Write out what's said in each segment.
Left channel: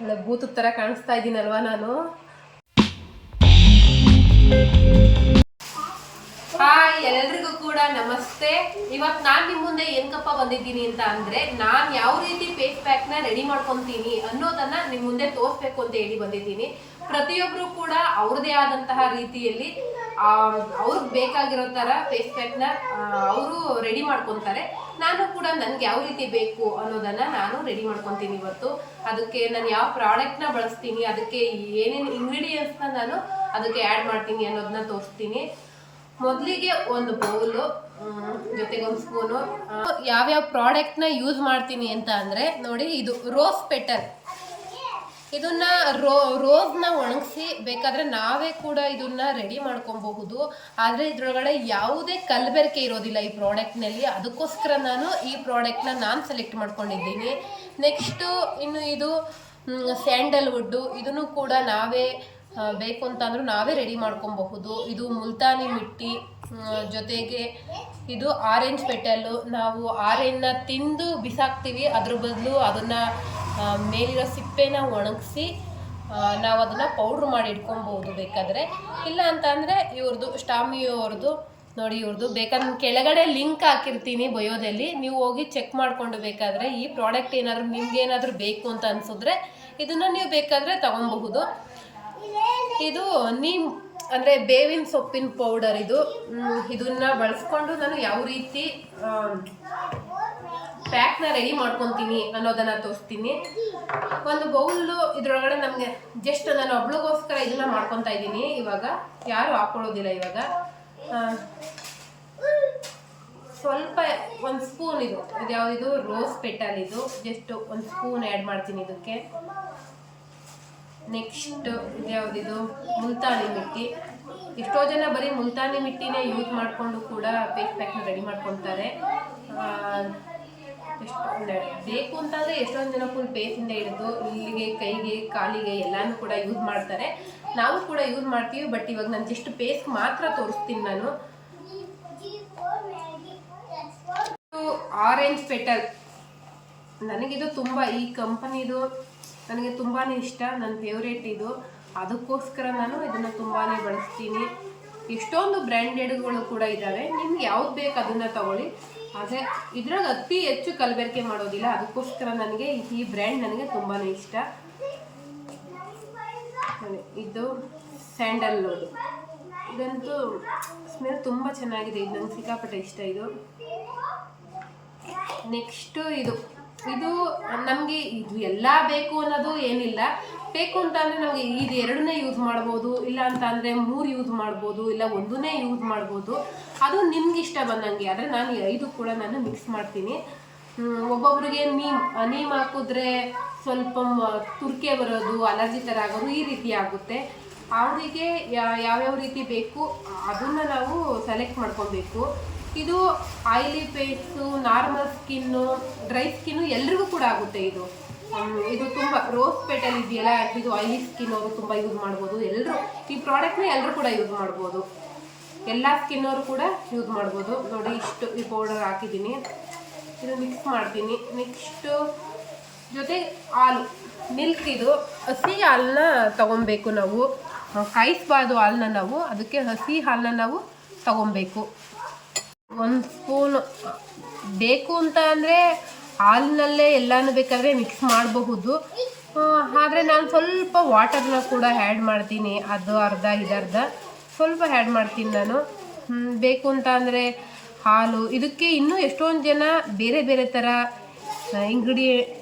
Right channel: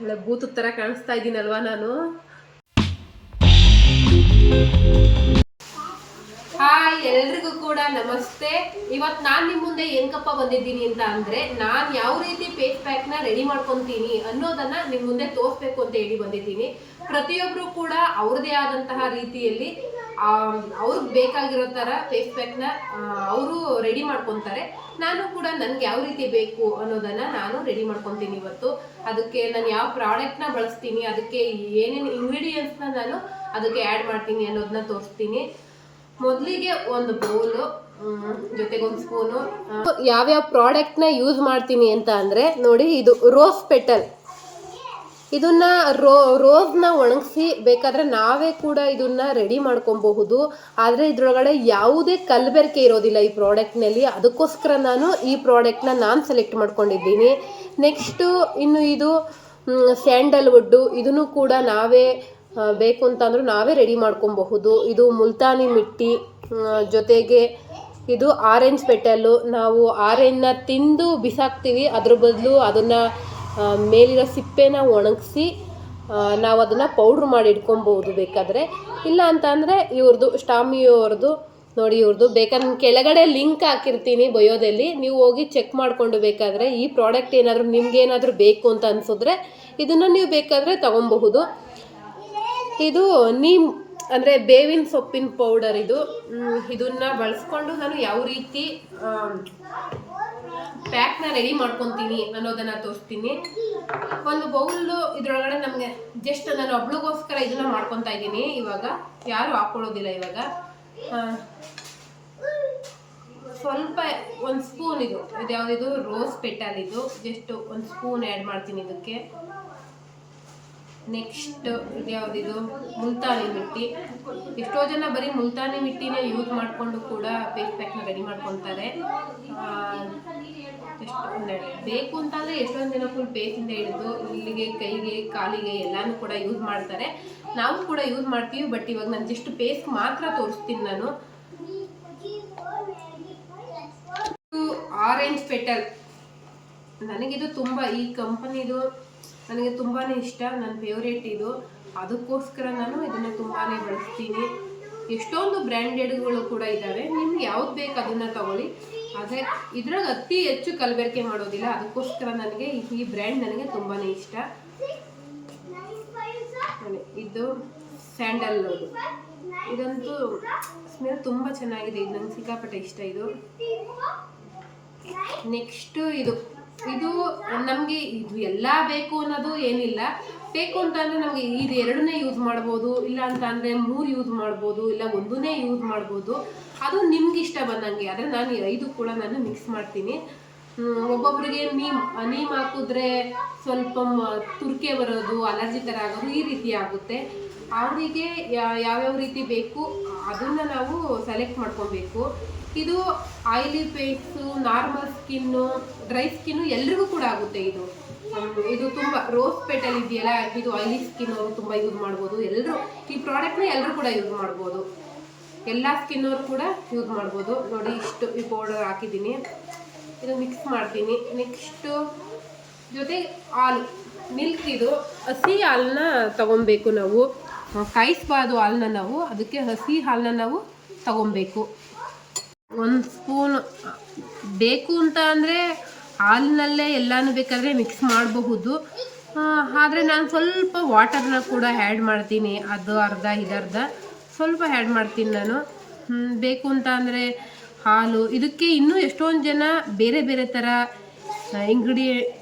ಒಳ್ಳೆ ಬೂತು ಥರ ಕಾಣಿಸ್ತಾ ಇದ್ದೀನಲ್ವಾ ನಾನು. ಹಾಯ್, ಎಲ್ರಿಗೂ ಕೂಡ ನಮಸ್ತೆ. ಇವತ್ತು ನಾನು ನಿಮ್ಮ ಮುಂದೆ ಏನಕ್ಕಪ್ಪ ಬಂದಿದ್ದೀನಿ ಅಂತ ಅಂದರೆ, ನಾನು ಯಾವ ರೀತಿ ಫೇಸ್ ಪ್ಯಾಕ್ನ ರೆಡಿ ಮಾಡ್ಕೊತೀನಿ ಅನ್ನೋದನ್ನು ನಿಮ್ಮ ಮುಂದೆ ತೋರಿಸ್ಬೇಕು ಅಂತ ಹೇಳಿ ಬಂದಿದ್ದೀನಿ. ಪ್ರತಿಯೊಬ್ಬರು ಕೂಡ ಅವ್ರದ್ದೇ ಆದಂತಹ ರೀತಿಯಲ್ಲಿ ಅವ್ರಿಗೆ ಬೇಕಾಗಿರೋ ಥರ ಫೇಸ್ ಪ್ಯಾಕ್ನ ಅವರು ರೆಡಿ ಮಾಡ್ಕೊತಾರೆ. ನಾನು ಕೂಡ ನನಗೆ ಯಾವ ರೀತಿ ಬೇಕು ಅನ್ನೋದನ್ನು ನಾನು ರೆಡಿ ಮಾಡ್ಕೊತೀನಿ ಇವತ್ತು. ಅದಕ್ಕೆ ನಾನು ಯಾವ ಪ್ರಾಡಕ್ಟ್ನ ಬಳಸ್ತೀನಿ, ಅದಕ್ಕೆ ಏನೇನು ಇಂಗ್ರೀಡಿಯೆಂಟ್ಸ್ನ ನಾನು ಅದಕ್ಕೆ ಆ್ಯಡ್ ಮಾಡ್ತೀನಿ ಅನ್ನೋದನ್ನ ತೋರಿಸ್ತೀನಿ. ಮೊದಲಿಗೆ ಒಂದು ಬೌಲು ಜೊತೆಗೆ ಒಂದು ಸ್ಪೂನು. ಯಾವ್ಯಾವ ಪ್ರಾಡಕ್ಟ್ನ ಯೂಸ್ ಮಾಡ್ತೀನಿ ಅಂತ ಅಂದರೆ ನೋಡಿ, ಇದು ರೋಸ್ ಪೆಟಲ್. ಇದನ್ನ ರೋಸ್ನ ಒಣಗಿಸಿ ಬೇಕಾದರೆ ನಾವೇ ಕೂಡ ಇದನ್ನ ರೆಡಿ ಮಾಡ್ಕೊಬಹುದು. ಆದರೆ ಇದರೊಳಗಡೆ ಯಾವುದೇ ಕಲಬೆರಕೆ ಇರೋದಿಲ್ಲ ಈ ಪ್ರಾಡಕ್ಟ್ನಲ್ಲಿ. ಅದಕ್ಕೋಸ್ಕರ ನಾನು ಈ ಪ್ರಾಡಕ್ಟ್ನ ಸೆಲೆಕ್ಟ್ ಮಾಡ್ಕೊಂಡಿದ್ದೀನಿ. ನೆಕ್ಸ್ಟು ಇನ್ನು ಇದು ಸ್ಯಾಂಡಲ್ವುಡ್ಡು. ಇದನ್ನು ಕೂಡ ನಾವೇ ಬೇಕು ಅಂತಂದ್ರೂ ನಾವೇ ರೆಡಿ ಮಾಡ್ಕೊಬಹುದು. ಇದು ಮುಲ್ತಾನಿ ಮಿಟ್ಟಿ, ಜೊತೆಗೆ ಇದು ಆರೆಂಜ್ ಪೆಟಲ್ಲು. ನಾವು ಆರೆಂಜ್ನ ತಿಂದು ಬಿಸಾಕ್ತೀವಿ, ಅದ್ರ ಬದಲು ಅದನ್ನು ಮೇಲಿರೋ ಸಿಪ್ಪೆನ ಒಣಗಿಸಿ ನಾವು ಅದನ್ನು ಪೌಡ್ರ್ ಮಾಡಿ ಇಟ್ಕೊಬಹುದು ಬೇಕಾದರೆ. ಇಲ್ಲ ಅಂತ ಅಂದರೆ ಇವ್ರದ್ದು ಸ್ಟಾಮಿಯೋವ್ರದ್ದು ನೋಡಿ, ಇವ್ರದ್ದು ಬೇಕಾದ್ರೆ ಕೆಳಗಡೆ ಲಿಂಕ್ ಹಾಕಿರ್ತೀನಿ ಬಯೋದಲ್ಲಿ, ನೀವು ಹೋಗಿ ಚೆಕ್ ಮಾಡಿಕೊಂಡು ಬೇಕಾದರೆ ಈ ಪ್ರಾಡಕ್ಟ್ ಏನಾದರೂ ನಿಮ್ಗೇನಾದರೂ ಬೇಕು ಅಂತ ಅನಿಸಿದ್ರೆ ಇದನ್ನು ನೀವು ಬೇಕಾದರೆ ತೊಗೊಬಹುದು. ಇದು ನೀಮ್ ಅಂದರೆ ಬೇವಿನ ಸೊಪ್ಪಿನ ಪೌಡರ್. ಇದನ್ನು ಬಳಸ್ಕೊಂಡು ನಾನು ಯಾವ ರೀತಿ ಪ್ಯಾಕ್ನ ರೆಡಿ ಮಾಡ್ಕೊತೀನಿ ಅನ್ನೋದನ್ನು ತೋರಿಸ್ತೀನಿ. ಒಂದು ಬೌಲು ಇದರೊಳಗಡೆ ನಮಗೆ ಜಸ್ಟ್ ನಾನು ಒಬ್ಳಿಗೋಸ್ಕರ ಇದನ್ನು ಮಾಡ್ಕೊತಾ ಇದ್ದೀನಿ. ಇವಾಗ ಯಾರು ಹಾಕ್ಕೊಳ್ಳೋದಿಲ್ಲ. ಇವಾಗ ಸ್ವಲ್ಪ ಒಂದು ಸ್ಪೂನ್ ಇದು ಯಾವುದಿದು ರೋಸ್ ಪೆಟಲ್. ಇದು ಜಸ್ಟ್ ಒಂದು ಸ್ಪೂನ್ ಆ್ಯಡ್ ಮಾಡ್ತೀನಿ ಇದಕ್ಕೆ. ನೆಕ್ಸ್ಟ್ ಇದು ಯಾವುದಿದು ಮುಲ್ತಾನಿ ಮಿಟ್ಟಿ. ಎಷ್ಟೋ ಜನ ಬರೀ ಮುಲ್ತಾನಿ ಮಿಟ್ಟಿನೇ ಯೂಸ್ ಮಾಡಿಕೊಂಡು ಕೂಡ ಫೇಸ್ ಪ್ಯಾಕ್ನ ರೆಡಿ ಮಾಡ್ಕೊತಾರೆ. ಎಷ್ಟು ಒಂದೆರಡು ಬೇಕು ಅಂತಂದರೆ ಎಷ್ಟೊಂದು ಜನ ಫುಲ್ ಫೇಸಿಂದ ಹಿಡಿದು ಇಲ್ಲಿಗೆ, ಕೈಗೆ, ಕಾಲಿಗೆ ಎಲ್ಲನೂ ಕೂಡ ಯೂಸ್ ಮಾಡ್ತಾರೆ. ನಾವು ಕೂಡ ಯೂಸ್ ಮಾಡ್ತೀವಿ. ಬಟ್ ಇವಾಗ ನಾನು ಜಸ್ಟ್ ಫೇಸ್ಗೆ ಮಾತ್ರ ತೋರಿಸ್ತೀನಿ ನಾನು. ಆರೆಂಜ್ ಪೆಟಲ್ ನನಗಿದು ತುಂಬ, ಈ ಕಂಪನಿದು ನನಗೆ ತುಂಬಾ ಇಷ್ಟ, ನನ್ನ ಫೇವ್ರೇಟ್ ಇದು. ಅದಕ್ಕೋಸ್ಕರ ನಾನು ಇದನ್ನು ತುಂಬಾ ಬಳಸ್ತೀನಿ. ಎಷ್ಟೊಂದು ಬ್ರ್ಯಾಂಡೆಡ್ಗಳು ಕೂಡ ಇದ್ದಾವೆ. ನಿಮ್ಗೆ ಯಾವ್ದು ಬೇಕು ಅದನ್ನು ತಗೊಳ್ಳಿ. ಆದರೆ ಇದ್ರಾಗ ಅತಿ ಹೆಚ್ಚು ಕಲಬೆರಕೆ ಮಾಡೋದಿಲ್ಲ. ಅದಕ್ಕೋಸ್ಕರ ನನಗೆ ಈ ಬ್ರ್ಯಾಂಡ್ ನನಗೆ ತುಂಬಾ ಇಷ್ಟ. ನೋಡಿ, ಇದು ಸ್ಯಾಂಡಲ್ವುಡ್. ಇದಂತೂ ಸ್ಮೆಲ್ ತುಂಬ ಚೆನ್ನಾಗಿದೆ. ಇದು ನಂಗೆ ಸಿಕ್ಕಾಪಟ್ಟೆ ಇಷ್ಟ ಇದು. ನೆಕ್ಸ್ಟು ಇದು ನಮಗೆ ಇದು ಎಲ್ಲ ಬೇಕು ಅನ್ನೋದು ಏನಿಲ್ಲ. ಬೇಕು ಅಂತ ಅಂದರೆ ನಮಗೆ ಇದು ಎರಡನ್ನೇ ಯೂಸ್ ಮಾಡ್ಬೋದು, ಇಲ್ಲ ಅಂತ ಅಂದರೆ 3 ಯೂಸ್ ಮಾಡ್ಬೋದು, ಇಲ್ಲ ಒಂದನ್ನೇ ಯೂಸ್ ಮಾಡ್ಬೋದು. ಅದು ನಿಮ್ಗೆ ಇಷ್ಟ ಬಂದಂಗೆ. ಆದರೆ ನಾನು 5 ಕೂಡ ನಾನು ಮಿಕ್ಸ್ ಮಾಡ್ತೀನಿ. ಒಬ್ಬೊಬ್ರಿಗೆ ನೀಮ್ ಹಾಕಿದ್ರೆ ಸ್ವಲ್ಪ ತುರ್ಕೆ ಬರೋದು, ಅಲರ್ಜಿ ಥರ ಆಗೋದು, ಈ ರೀತಿ ಆಗುತ್ತೆ. ಅವರಿಗೆ ಯಾವ್ಯಾವ ರೀತಿ ಬೇಕು ಅದನ್ನು ನಾವು ಸೆಲೆಕ್ಟ್ ಮಾಡ್ಕೊಬೇಕು. ಇದು oily face, normal skin, dry skin ಎಲ್ರಿಗೂ ಕೂಡ ಆಗುತ್ತೆ. ಇದು ತುಂಬ ರೋಸ್ ಪೆಟಲ್ ಇದೆಯಲ್ಲ, ಇದು ಆಯಿಲಿ ಸ್ಕಿನ್ ಅವರು ತುಂಬ ಯೂಸ್ ಮಾಡ್ಬೋದು. ಎಲ್ಲರೂ ಈ ಪ್ರಾಡಕ್ಟ್ನ ಎಲ್ಲರೂ ಕೂಡ ಯೂಸ್ ಮಾಡ್ಬೋದು. ಎಲ್ಲ ಸ್ಕಿನ್ನವರು ಕೂಡ ಯೂಸ್ ಮಾಡ್ಬೋದು. ನೋಡಿ, ಇಷ್ಟು ಈ ಪೌಡರ್ ಹಾಕಿದ್ದೀನಿ. ಇದು ಮಿಕ್ಸ್ ಮಾಡ್ತೀನಿ. ನೆಕ್ಸ್ಟು ಜೊತೆ ಹಾಲು, ಮಿಲ್ಕ್. ಇದು ಹಸಿ ಹಾಲನ್ನ ತೊಗೊಬೇಕು ನಾವು, ಕಾಯಿಸ್ಬಾರ್ದು ಹಾಲನ್ನ ನಾವು. ಅದಕ್ಕೆ ಹಸಿ ಹಾಲನ್ನ ನಾವು ತೊಗೊಬೇಕು. 1 ಸ್ಪೂನ್ ಬೇಕು ಅಂತ ಅಂದರೆ ಹಾಲಿನಲ್ಲೇ ಎಲ್ಲನೂ ಬೇಕಾದರೆ ಮಿಕ್ಸ್ ಮಾಡಬಹುದು. ಆದರೆ ನಾನು ಸ್ವಲ್ಪ ವಾಟರ್ನ ಕೂಡ ಆ್ಯಡ್ ಮಾಡ್ತೀನಿ. ಅದು ಅರ್ಧ ಇದರ್ಧ ಸ್ವಲ್ಪ ಆ್ಯಡ್ ಮಾಡ್ತೀನಿ ನಾನು. ಬೇಕು ಅಂತ ಅಂದರೆ ಹಾಲು. ಇದಕ್ಕೆ ಇನ್ನೂ ಎಷ್ಟೊಂದು ಜನ ಬೇರೆ ಬೇರೆ ಥರ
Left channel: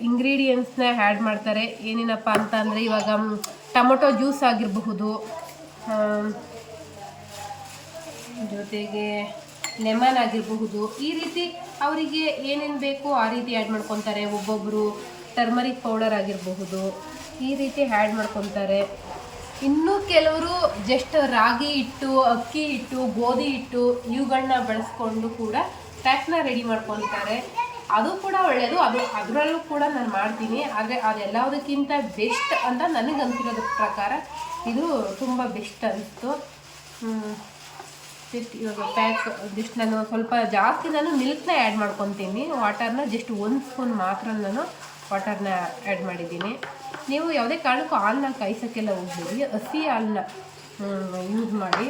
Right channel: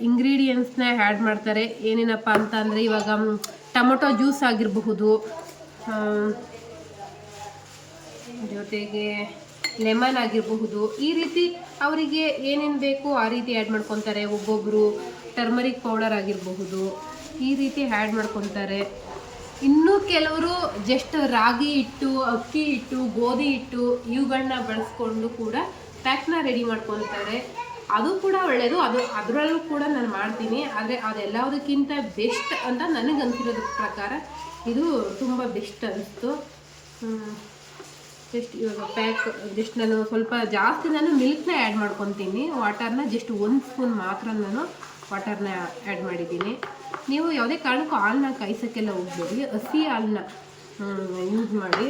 ಇಂಗ್ರೀಡಿಯೆಂಟ್ಸ್ನ ಆ್ಯಡ್ ಮಾಡ್ತಾರೆ. ಏನೇನಪ್ಪ ಅಂತ ಅಂದರೆ ಇವಾಗ ಟೊಮೊಟೊ ಜ್ಯೂಸ್ ಆಗಿರಬಹುದು, ಜೊತೆಗೆ ಲೆಮನ್ ಆಗಿರಬಹುದು. ಈ ರೀತಿ ಅವರಿಗೆ ಏನೇನು ಬೇಕು ಆ ರೀತಿ ಆ್ಯಡ್ ಮಾಡ್ಕೊತಾರೆ. ಒಬ್ಬೊಬ್ಬರು ಟರ್ಮರಿಕ್ ಪೌಡರ್ ಆಗಿರಬಹುದು, ಈ ರೀತಿ ಆ್ಯಡ್ ಮಾಡ್ಕೊತಾರೆ. ಇನ್ನೂ ಕೆಲವರು ಜಸ್ಟ್ ರಾಗಿ ಹಿಟ್ಟು, ಅಕ್ಕಿ ಹಿಟ್ಟು, ಗೋಧಿ ಹಿಟ್ಟು ಇವುಗಳನ್ನ ಬಳಸ್ಕೊಂಡು ಕೂಡ ಪ್ಯಾಕ್ನ ರೆಡಿ ಮಾಡ್ಕೊತಾರೆ. ಅದು ಕೂಡ ಒಳ್ಳೆಯದು. ಅದರಲ್ಲೂ ಕೂಡ ನಾನು ಮಾಡ್ತೀನಿ. ಆದರೆ ಅದೆಲ್ಲದಕ್ಕಿಂತ ಬೆಸ್ಟ್ ಅಂತ ನನಗೆ ಅನಿಸಿರೋದ್ರ ಪ್ರಕಾರ ಇದು ತುಂಬ ಬೆಸ್ಟ್ ಅನಿಸ್ತು. ಜಸ್ಟ್ ಇವಾಗ ಪ್ಯಾಕ್ ಜಸ್ಟ್ ನಾನು ಮಿಲ್ಕ್ನ ಆ್ಯಡ್ ಮಾಡ್ಕೊತೀನಿ. ವಾಟರ್ನ ಜಸ್ಟ್ 1 ಸ್ಪೂನ್ ಮಾತ್ರ ನಾನು ವಾಟರ್ನ ಆ್ಯಡ್ ಮಾಡಿದ್ದೀನಿ. ನೀವು ಯಾವುದೇ ಕಾರಣಕ್ಕೂ ಹಾಲನ್ನ ಕಾಯಿಸೋಕ್ಕೆಲ್ಲ ಹೋಗ್ಬೇಡಿ, ಹಸಿ ಹಾಲನ್ನ ಯೂಸ್ ಮಾಡಿ.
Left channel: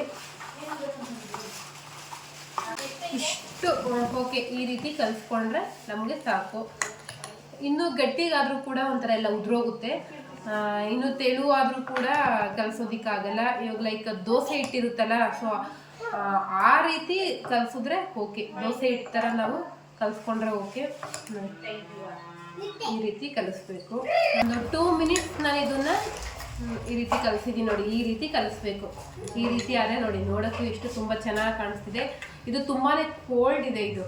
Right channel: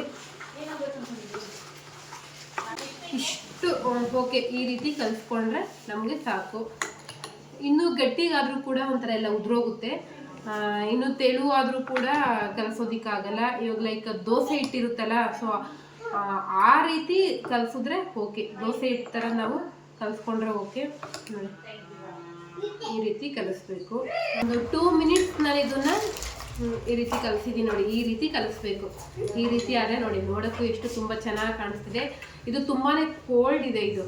ಇಷ್ಟು ಓಕೆ, ಈ ರೀತಿ ಕಲಿಸ್ಕೊಂಡ್ರೆ ನಮಗೆ ಸಾಕು. ಇನ್ನೂ ಗಟ್ಟಿಗಾದರೂ ಕೂಡ ಒಂಥರ ಎಲ್ಲ ಉದುರೋಗುತ್ತೆ. ಇನ್ನು ತೆಳುವಾದರೂ ಕೂಡ ಕಲಿಸೋದಕ್ಕಾಗಲ್ಲ. ಇವಾಗ ಲೈಕ್ ದೋಸೆ ಹಿಟ್ಟಿರುತ್ತಲ್ಲ, ಸೊ ಆ ರೀತಿ ಕಲಿಸಿದ್ರೆ ಓಕೆ. ದೋಸೆ ಹಿಟ್ಟು ಥರ ನಾವು ಕಲಿಸ್ಕೊಂಡ್ರೆ ಓಕೆ. ಈ ರೀತಿ ಕಲಿಸ್ಬೇಕು. ಒಂದು 2 ಮಿನಿಟ್ಸ್ ನಾನು ಇದನ್ನು ಈ ರೀತಿ ಕಲಿಸಿದ್ದೀನಿ ನೋಡಿ. ಈ ರೀತಿ ಕಲಿಸ್ಬೇಕು. ಈ ರೀತಿ ಆದರೆ ನೋಡಿ, ನೋಡೋಕ್ಕೂ ಎಷ್ಟು ತುಂಬ ಚೆನ್ನಾಗಿ ಕಾಣಿಸ್ತಿದೆ. ಇದು ತುಂಬಾ ಕೋಲ್ಡ್ ಇದೆ. ಇದು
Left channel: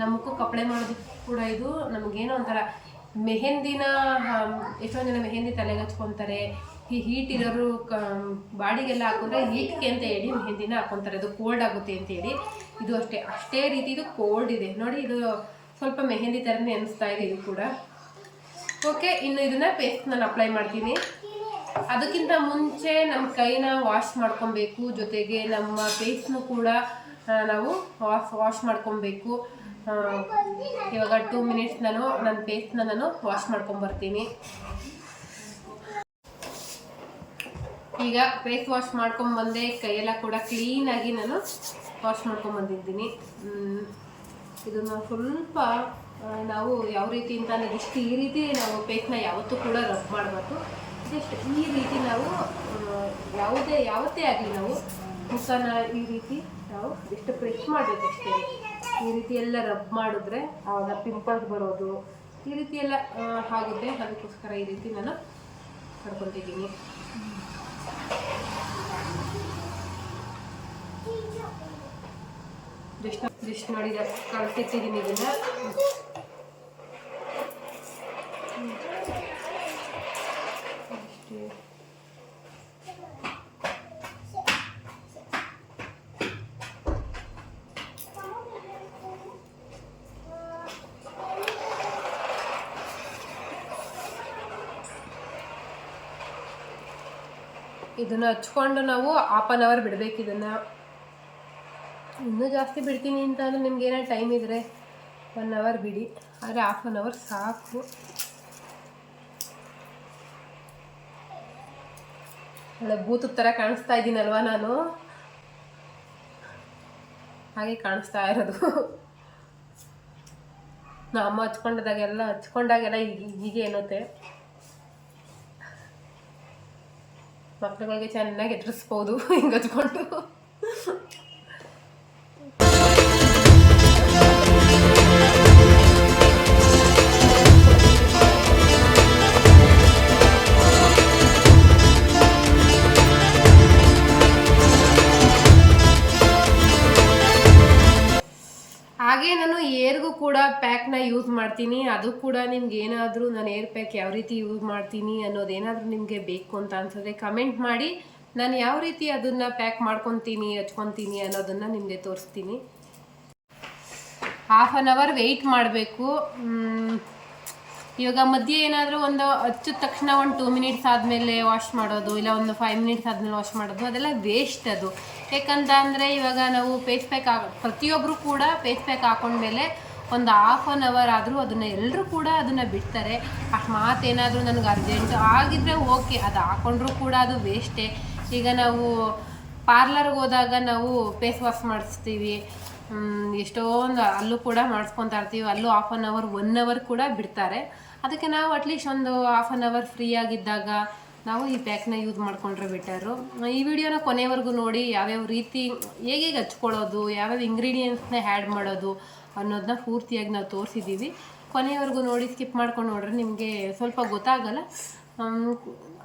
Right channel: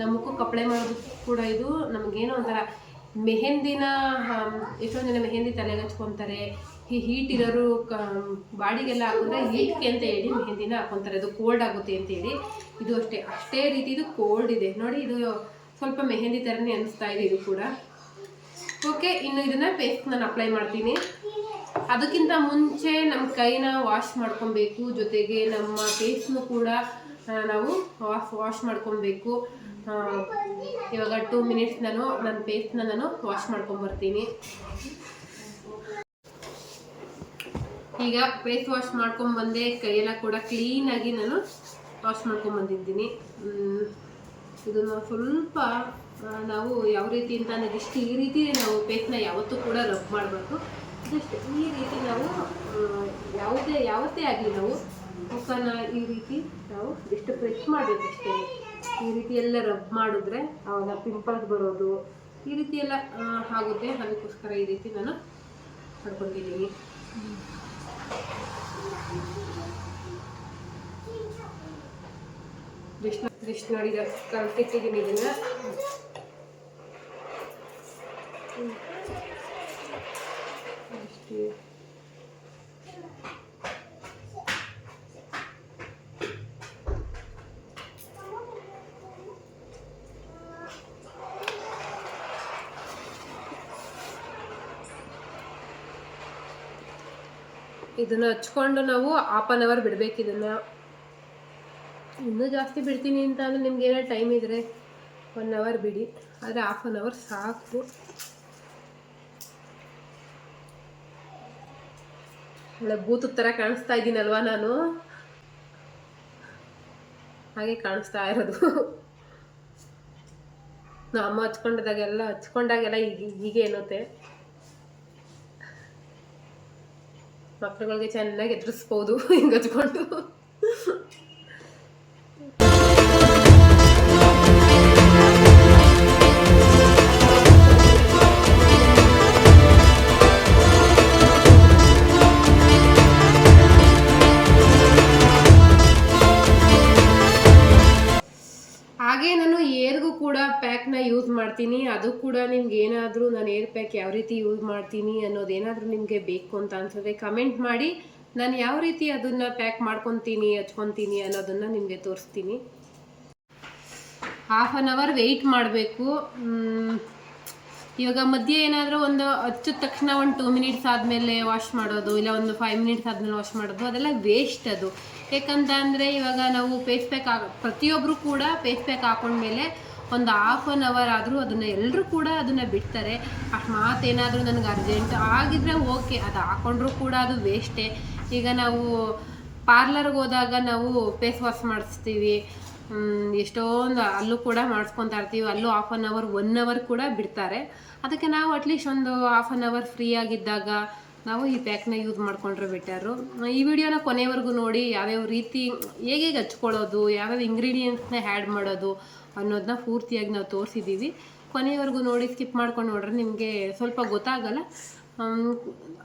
ನಮಗೂ ಕಪ್ಪಳೆ ಮಾಡೋದಕ್ಕೂ ಕೂಡ ಇದು ನಮಗೇನೋ ಒಂಥರ ಮೆಹಂದಿನ, ಎಷ್ಟೊಂದು ಜನ ಮೆಹಂದಿ ತಲೆಗೆ ಹಚ್ಕೊತಾರೆ. ಹೀಟ್ ಇರೋರು ಬಾಡಿಗೆಲ್ಲ ಹಾಕಿದ್ರೆ ಹೀಟ್ಗೆ ಅಂತ ಹೇಳಿ ಮೆಹಂದಿನ ಹಾಕೊತಾರೆ, ಇದು ಕೋಲ್ಡ್ ಆಗುತ್ತೆ ಅಂತ ಹೇಳಿ. ಇದು ಅಷ್ಟೇ ರೀತಿ ಇದು ಕೋಲ್ಡ್ ಇದೆ ನೋಡಿ. ಇದು ಸ್ವಲ್ಪ ಮೆಹಂದಿ ಥರನೇ ಅನಿಸ್ತಾ ಇದೆ ಇದು ಕೂಡ. ಓಕೆ, ಇನ್ನು ಇದನ್ನು ಪೇಸ್ಟ್ ನಾನು ಅಪ್ಲೈ ಮಾಡ್ತೀನಿ. ಅದಕ್ಕಿಂತ ಮುಂಚೆ ನಮ್ಮ ಕೈನ ವಾಶ್ ಮಾಡ್ಕೊಬೇಕು, ಜೊತೆಗೆ ನಮ್ಮ ಫೇಸ್ನು ಕೂಡ ನಾವು ವಾಶ್ ಮಾಡ್ಕೊಬೇಕು. ಇವಾಗ 2 ಮಿನಿಟ್ಸ್ ನನ್ನ ಫೇಸ್ನ ನಾನು ವಾಶ್ ಮಾಡ್ಕೊಂಬರ್ತೀನಿ. ಈಗ ಫೇಸ್ ವಾಶ್ ಮಾಡ್ಕೊಂಬಂದೆ, ಕೈಯೆಲ್ಲ ಕೂಡ ಕ್ಲೀನಾಗಿ ನಾನು ವಾಶ್ ಮಾಡ್ಕೊಂಬಂದಿದ್ದೀನಿ. ಇದನ್ನು ಸ್ವಲ್ಪ ನಾವು ಯಾವ ರೀತಿ ಅಂತಂದರೆ ಜಸ್ಟ್ ಈ ರೀತಿ ನಾವು ಫೇಸ್ನ ಯಾವತ್ತೂ ಕೂಡ ರಬ್ ಮಾಡಬಾರ್ದು. ಜಸ್ಟ್ ಈ ರೀತಿ ನಾವು ಯಾವತ್ತೇ ಆಗಲಿ ನಾವು ಮುಖನ ಈ ರೀತಿ ನಾವು ಜಸ್ಟ್ ಪ್ರೆಸ್ ಮಾಡಬೇಕಷ್ಟೇ. ಈ ರೀತಿ ಎಲ್ಲ ರಬ್ ಮಾಡಿದ್ರೆ ಆವಾಗ ಪಿಂಪಲ್ಸ್ ಬರೋದು ಈ ರೀತಿ ಎಲ್ಲ ಆಗುತ್ತೆ. ಅದಕ್ಕೋಸ್ಕರ ಈ ರೀತಿ ನಾನು ಮಾಡ್ಕೊತಿದ್ದೀನಿ. ಜಸ್ಟ್ ನೋಡಿ, ಕಲಿತಿಟ್ಟಿದ್ದೀನಿ ಇದನ್ನು. ಅಷ್ಟೇ. ಇದನ್ನು ಹಚ್ಕೊಂಡು ನಾವು 1/2 ಅವರ್ ಬಿಡಬೇಕು. ಇದನ್ನು ಇನ್ನೂ ಜಾಸ್ತಿ ಬಿಡ್ತೀನಿ ಅಂತ ಅಂದರೆ ನಿಮ್ಗೆ ಏನೋ ಟೈಮ್ ಇದ್ದರೆ 1 ಅವರ್ ಬಿಡಿ, ಆದರೆ 1/2 ಅವರ್ ಸಾಕು. ಒಳ್ಳೆ ಬೂತು ಥರ ಕಾಣಿಸ್ತಾ ಇದ್ದೀನಲ್ವ ನಾನು? ಹಾಗೆ ಕಾಣಿಸ್ತಾ ಇರೋದು. ನಮ್ಮ ಅಮ್ಮ ಹಚ್ಕೊಂಡಾಗೆಲ್ಲ ಹೀಗೆ ಅನ್ನುತ್ತೆ. ಮಕ್ಳುಗಳಿಗೆ ಚೆನ್ನಾಗಿ ಎದುರಿಸ್ಬೋದು ಹಿಂಗೆ ಹಚ್ಕೊಂಡು. ಹಾಗೆ ನಾನು ಏರ್ಗೂ ಕೂಡ ಪ್ಯಾಕ್ನ ಯೂಸ್ ಮಾಡ್ತೀನಿ. ಅದು ಕೂಡ ನಿಮ್ಗೆ ಏನಾದರೂ ನಾನು ಏರ್ ಪ್ಯಾಕ್ ಯಾವ ರೀತಿ ಯೂಸ್ ಮಾಡ್ತೀನಿ ಅನ್ನೋದೇನಾದರೂ ನಿಮಗೆ ಬೇಕು ಅಂತ ಅನ್ಸಿದ್ರೆ ಕಮೆಂಟ್ ಮಾಡಿ. ನಾನು ಯಾವ ರೀತಿ ಅದನ್ನು ಪ್ಯಾಕ್ ಮಾಡ್ಕೊತೀನಿ, ಹಚ್ಕೊತೀನಿ ಅನ್ನೋದನ್ನು ನಿಮಗೆ ತೋರಿಸ್ತೀನಿ. 1/2 ಅವರ್ ವೆಯ್ಟ್ ಮಾಡಬೇಕು. ಇವಾಗ ಮಧ್ಯೆ ಏನಾದರೂ ಒಂದು ಹಚ್ಚಿದ ತಕ್ಷಣ ಒಂದು 2 ಮಿನಿಟ್ಸ್ ಆದಮೇಲೆ ವಾಶ್ ಮಾಡೋದು, ಇಲ್ಲ ಒಂದು 5 ಮಿನಿಟ್ಸ್ ಆದಮೇಲೆ ವಾಶ್ ಮಾಡೋದು, ಅದೆಲ್ಲ ವೇಸ್ಟ್ ಅದು. ಯಾಕಂತ ಅಂದರೆ ಇವಾಗ ನಾವು ಫೇಸ್ ಪ್ಯಾಕ್ ಪ್ರತಿಯೊಬ್ಬರು ಕೂಡ ಫೇಸ್ ಪ್ಯಾಕ್ ಹಾಕೊಂಡ್ಮೇಲೆ ಒಂದು 1/2 ಅವರ್ ಆದರೂ ಅದನ್ನು ಎಲ್ಲರೂ ಕೂಡ ಅದನ್ನು ಬಿಡ್ತಾರೆ. ಅಕಸ್ಮಾತ್ ಏನಾದರೂ ನನಗೆ ಅರ್ಜೆಂಟ್ ಆಗಿದ್ರೆ ಓಕೆ, ಅದು ಹಾಕೊಂಡ್ರೂ ಕೂಡ ಅದು ವೇಸ್ಟೇ. ಈಗ ನಾವು ಪಾರ್ಲರ್ಗೆ ಹೋದಾಗ ನಾವು ಫೇಸ್ ವಾಶ್ ಮಾಡಿಸ್ತೀವಿ, ಎಷ್ಟೊಂದು ಅಲ್ಲೂ ಕೂಡ ಮಾಡಿಸ್ಕೊತಾ ಇರ್ತೀವಿ. ಅಲ್ಲೂ 1/2 ಅವರ್ 1 ಅವರ್ ಕೂಡ ಬಿಡ್ತಾರೆ. ಅದಕ್ಕೆ ನಾವು ಅಟ್ಲೀಸ್ಟ್ ಒಂದು 1/2 ಅವರ್ ಫ್ರೀ ಆಗಿದ್ದಾಗ ನಾವು ಈ ಪ್ಯಾಕ್ನ ಯೂಸ್ ಮಾಡಿಕೊಂಡ್ರೆ ಬೆಟರು. ಈ ವಿಡಿಯೋನ ಕೊನೆವರೆಗೂ ನೋಡಿ, ಯಾವ್ಯಾವ ರೀತಿ ಹೇಗೆ ಹಚ್ಕೊಳ್ಳೋದು, ಯಾವ್ಯಾವ ಇಂಗ್ರೀಡಿಯೆಂಟ್ಸ್ನ ಆ್ಯಡ್ ಮಾಡೋದು ಅನ್ನೋದನ್ನ ಪೂರ್ತಿಯಾಗಿ ನಾವು ತೋರಿಸಿದ್ದೀವಿ. ಕೊನೆವರೆಗೂ ನೋಡಿ, ಸ್ಕಿಪ್ ಮಾಡ್ಕೊಂಡು ನೋಡ್ರೆ ನಿಮಗೆ ಸ್ವಲ್ಪ ಗೊತ್ತಾಗಲ್ಲ.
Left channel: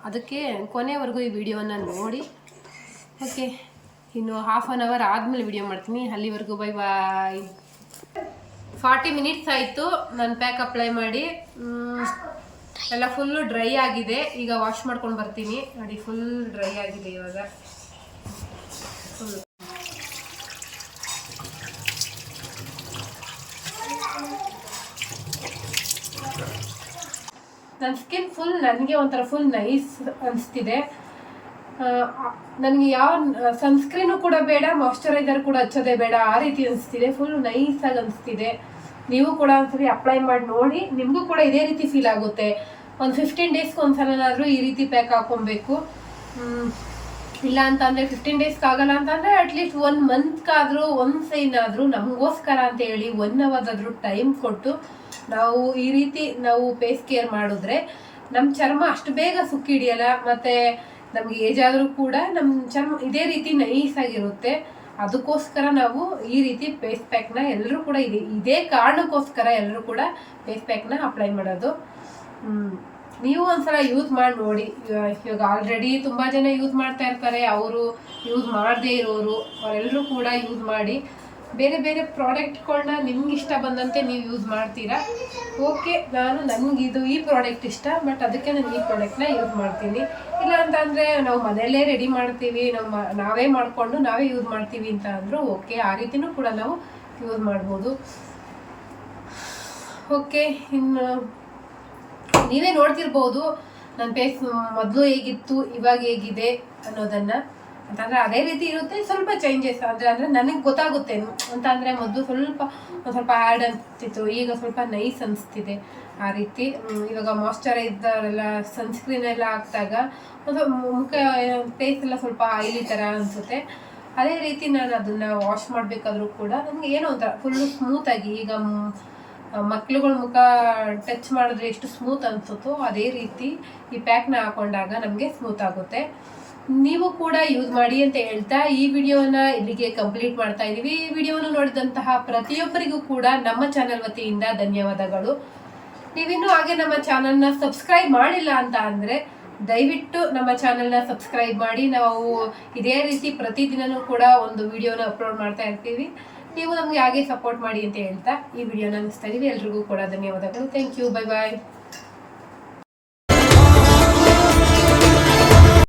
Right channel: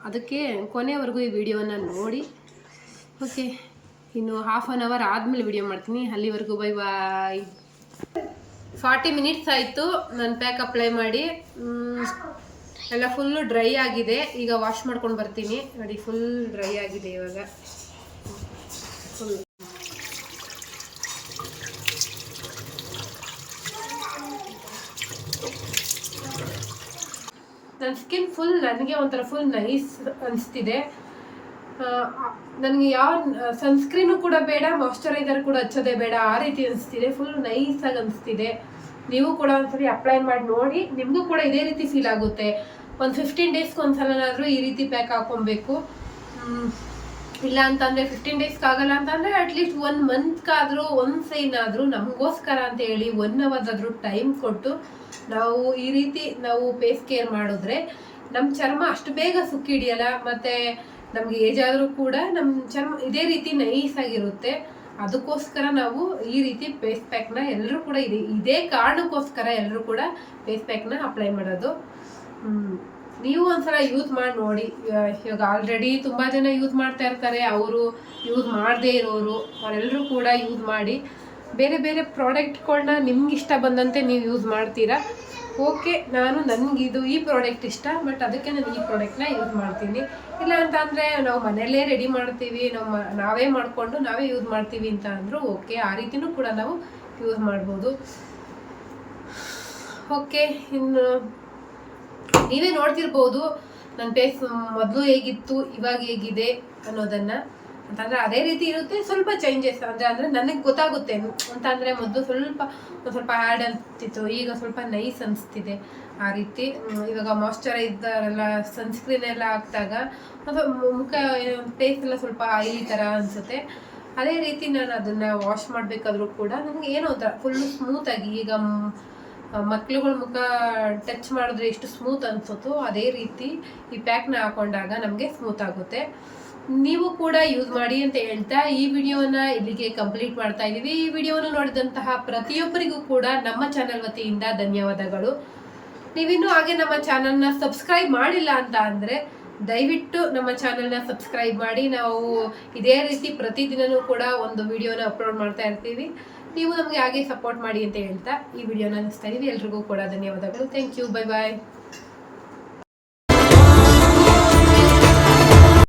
ಅದಕ್ಕೆ ಕೊನೆವರೆಗೂ ಈ ವಿಡಿಯೋನ ನೋಡಿ. ಓಕೆ, ಇನ್ನು 1/2 ಅವರ್ ಆದಮೇಲೆ ವಿಡಿಯೋ ಮಾಡ್ತೀನಿ. ಅಲ್ಲಿವರೆಗೂ ಬೈ ಬಾಯ್. 40 ಮಿನಿಟ್ಸ್ ಆಯಿತು ನಾನು ಪ್ಯಾಕ್ ಅಪ್ಲೈ ಮಾಡಿ. ಎಲ್ಲ ಫುಲ್ಲು ಡ್ರೈ ಆಗಿದೆ. ಈಗ ವಾಶ್ ಮಾಡ್ಕೊಂಡು ಬರ್ತೀನಿ. ನೋಡಿ, ಫುಲ್ ಡ್ರೈ ಆಗಿದೆ ಇವಾಗ ಫುಲ್. ನನ್ನ ಸ್ಕಿನ್ ಫುಲ್ ನನಗೆ ಒಂಥರ ಫುಲ್ ನೈಸ್ ಅನಿಸ್ತಿದೆ. ನನಗೆ ಯಾವ ಸನ್ಸ್ಕ್ರೀನು ಕೂಡ ಬೇಡ, ಮಾಯ್ಶ್ಚರೈಸರ್ ಕೂಡ ಹಚ್ಚೋದೇ ಬೇಡ, ಆ ರೀತಿ ಅನಿಸ್ತಿದೆ. ಫುಲ್ ನೈಸಾಗಿ ಅನಿಸ್ತಿದೆ. ನೀವು ಕೂಡ ಒಂದ್ಸರಿ ಅಪ್ಲೈ ಮಾಡಿ ನೋಡಿ, ನಿಮಗೂ ಕೂಡ ಇದೇ ರೀತಿ ಫೀಲ್ ಆಗುತ್ತೆ. ಒಂದು 15 ಡೇಸ್ಗೆ ಒಂದ್ಸಲನಾದರೂ ಈ ರೀತಿ ಪ್ಯಾಕ್ ಹಾಕೊಬೇಕು. ಇಲ್ಲ ಅಂತಂದರೆ 15 ಡೇಸ್ಗೆ ಆಗಲ್ಲ ಅಂತಂದರೆ ಅಟ್ಲೀಸ್ಟ್ 1 ಮಂತ್ಗಾದರೂ ಒನ್ಸ್ ಏನಾದರೂ ನಮಗೋಸ್ಕರ ಅಂತ ಹೇಳಿ 1 ಅವರ್ದಾದರೂ ಟೈಮ್ ಕೊಟ್ಟು ನಾವು ಈ ರೀತಿ ನಾವು ಫೇಸ್ ಕೇರ್ ಮಾಡಿದ್ರೆ ನಮ್ಮ ಚರ್ಮ ಅಷ್ಟು ಬೇಗ ಸುಕ್ಕಿ ಹಿಡಿಯಲ್ಲ. ಮತ್ತು ನಮಗೆ ಏಜ್ ಆದರೂ ಕೂಡ ನಮ್ಮ ಚರ್ಮ ಇದೇ ರೀತಿ ನೈಸಾಗಿರುತ್ತೆ. ಅದಕ್ಕೋಸ್ಕರ ನಾವು ಈ ರೀತಿ ಫೇಸ್ ಪ್ಯಾಕ್ನ ಎಲ್ಲರೂ ಕೂಡ ಇದೇ ಕಾರಣಕ್ಕೋಸ್ಕರ ಎಲ್ಲರೂ ಕೂಡ ಫೇಸ್ ಪ್ಯಾಕ್ನ ಅಪ್ಲೈ ಮಾಡೋದು. ನೀವು ಒಂದ್ಸಲ ಯೂಸ್ ಮಾಡಿ ನೋಡಿ. ಇವಾಗ ಆಲ್ರೆಡಿ ತುಂಬ ಜನ ಯೂಸ್ ಮಾಡ್ತಾ ಇರ್ತಾರೆ, ಅವರು ಯೂಸ್ ಮಾಡದೇ ಇರೋರು ಅವರೆಲ್ಲರೂ ಕೂಡ ಯೂಸ್ ಮಾಡಿ. ಬೇರೆ ಬೇರೆ ಪ್ರಾಡಕ್ಟ್ಗಳನ್ನ ನಿಮ್ಗೆ ಇಷ್ಟ ಬಂದಂತೆ ನೀವು ಯೂಸ್ ಮಾಡ್ತೀರಾ. ಓಕೆ, ನನಗಿದು ಈ ಪ್ರಾಡಕ್ಟ್ ಇಷ್ಟ, ಬಟ್ ಅದಕ್ಕೆ ನಾನು ಈ ಪ್ರಾಡಕ್ಟ್ನ ಯೂಸ್ ಮಾಡ್ತೀನಿ. ಇಲ್ಲ ಅಂತಂದರೆ ನಾವು ಮನೆಯಲ್ಲೇ ರೆಡಿ ಮಾಡ್ತೀವಿ, ನಾವೇ ಮಾಡಿಕೊಂಡು ನಾವೇ ಯೂಸ್ ಮಾಡ್ತೀವಿ ಅಂತ ಅಂದರೂ ಓಕೆ, ಆ ರೀತಿಯೂ ಕೂಡ ನಾವು ಯೂಸ್ ಮಾಡ್ಬೋದು. ಓಕೆ, ಇನ್ನು ನೀವೇ ನೋಡ್ತಿರ್ಬೋದು ನನ್ನ ಫೇಸ್ ಮೊದಲು ಹೇಗಿತ್ತು ಇವಾಗ ಹೇಗಿದೆ ಅನ್ನೋದನ್ನು. ಅಂತಂದರೆ ಅದೇ ರೀತಿ ಇರುತ್ತೆ, ಸ್ವಲ್ಪ ಚೇಂಜಸ್ ಅಂದರೆ ನನಗೆ ಗೊತ್ತಾಗುತ್ತೆ. ಅಂತಂದರೆ ಮೊದಲು ಸ್ವಲ್ಪ ಹ್ಯಾಡ್ ಅನಿಸ್ತಿತ್ತು, ಈಗ ಸ್ವಲ್ಪ ನೈಸ್ ಅನಿಸ್ತಿದೆ. ಆ ರೀತಿ ಇವಾಗ ಮಾಯ್ಶ್ಚರೈಸರ್ ಎಲ್ಲ ಸನ್ಸ್ಕ್ರೀನ್ ಎಲ್ಲ ಹಾಕಿದಾಗ ಒಂದು ಮುಖ ಫೇಸ್ ಎಲ್ಲ ಸ್ವಲ್ಪ ಆಯಿಲಿ ಥರ ಅನಿಸುತ್ತೆ. ಅದೇ ರೀತಿ ನಾನು ಅದನ್ನು ವಾಶ್ ಮಾಡಬೇಕಾದ್ರೂ ಕೂಡ ನನಗೆ ಏನೋ ಒಂಥರ ಫುಲ್ಲು ಸ್ಮೂತಾಗಿ, ಈಗ ಮಕ್ಳುಗಳ ಮುಖ ಟಚ್ ಮಾಡಿದ್ರೆ ಎಷ್ಟು ಸ್ಮೂತ್ ಅನಿಸುತ್ತೋ ಅದೇ ರೀತಿ ಈ ಪ್ಯಾಕ್ನ ಹಾಕೊಂಡಾಗ ನಮಗೆ ಸ್ಮೂತ್ ಆಗುತ್ತೆ. ನೀವು ಕೂಡ ಯೂಸ್ ಮಾಡಿ ಅಂತ ಹೇಳ್ತಾ ಈ ವಿಡಿಯೋನ ಇಲ್ಲಿಗೆ ಕಂಪ್ಲೀಟ್ ಮಾಡ್ತಾ ಇದ್ದೀವಿ. ಈ ವಿಡಿಯೋನ ನೋಡಿದಂತಹ ಪ್ರತಿಯೊಬ್ಬರಿಗೂ ಕೂಡ ನಮ್ಮ ಚಾನಲ್ ವತಿಯಿಂದ ಧನ್ಯವಾದಗಳು. ನೀವಿನ್ನೂ ಹಾಗೆ ನಮ್ಮ ಚಾನಲ್ನ ಸಬ್ಸ್ಕ್ರೈಬ್ ಮಾಡಿಲ್ಲ ಅಂತ ಅಂದರೆ ದಯವಿಟ್ಟು ನಮ್ಮ ಚಾನಲ್ನ ಸಬ್ಸ್ಕ್ರೈಬ್ ಮಾಡಿ. ನಾವು ಇದೇ ರೀತಿ ಪ್ರತಿದಿನವೂ ಕೂಡ ಒಂದು ವಿಡಿಯೋನ ಅಪ್ಲೋಡ್ ಮಾಡ್ತಾ ಇರ್ತೀವಿ. ನೀವು ನಮಗೆ ಹಾಗೆ ಸಪೋರ್ಟ್ ಮಾಡಿ ಅಂತ ಹೇಳ್ತಾ ಈ ವಿಡಿಯೋನ ನಿಲ್ಲಿಸ್ತಾ ಇದ್ದೀವಿ. ಎಲ್ರಿಗೂ ಕೂಡ ಧನ್ಯವಾದಗಳು. Thank you. Bye bye.